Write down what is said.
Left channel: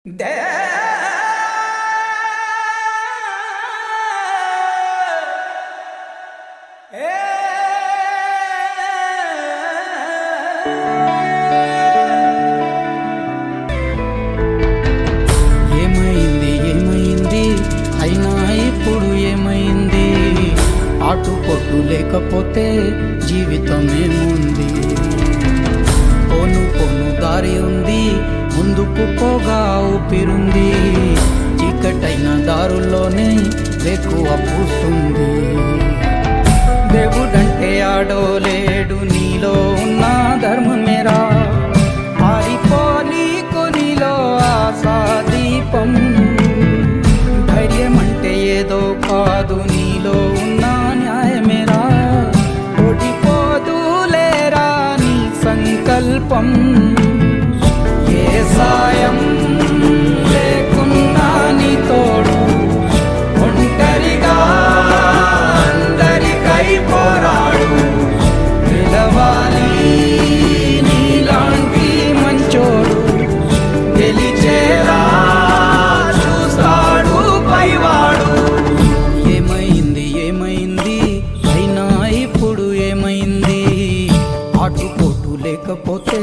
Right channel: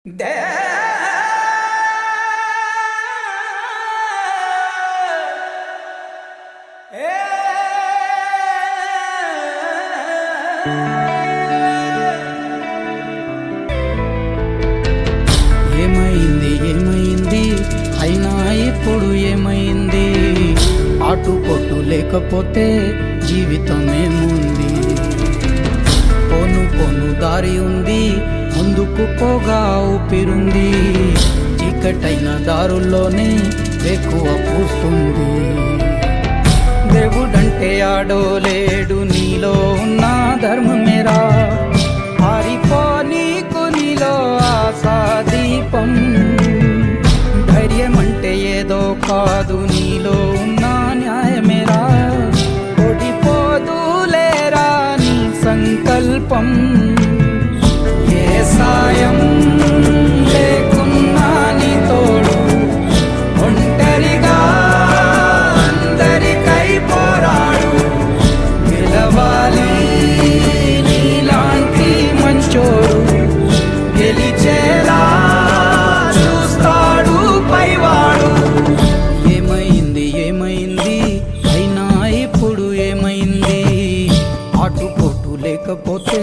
ఏమైంది ఏమైంది అయినా ఇప్పుడు ఏమైంది? ఆటుపోటు లేకపోతే జీవితమేముంది? పోను పోను దారి ఉంది, ముందుకు పోగా ఊపిరుంది. చీకటైన దారుల్లోనే వేకువ పూస్తుంది. దేవుడంటే ఆడో లేడు, నీలో ఉన్న ధర్మమేరా. పారిపో నీకు నీలో ఆశా దీపం. ధైర్యం అంటే ఏదో కాదు, నీలో ఉన్న న్యాయమేరా. ఓడిపోదులేరా నీ సంకల్పం. ఏ సాయం లేకున్నా నీ తోడు, ఒంటరిగా అందరికై పోరాడు. గెలవాలి నీలాంటి మంచోడు, గెలిచేలా చూస్తాడు పైవాడు. ఏమైంది ఏమైంది అయినా ఇప్పుడు ఏమైంది? ఆటుపోటు లేకపోతే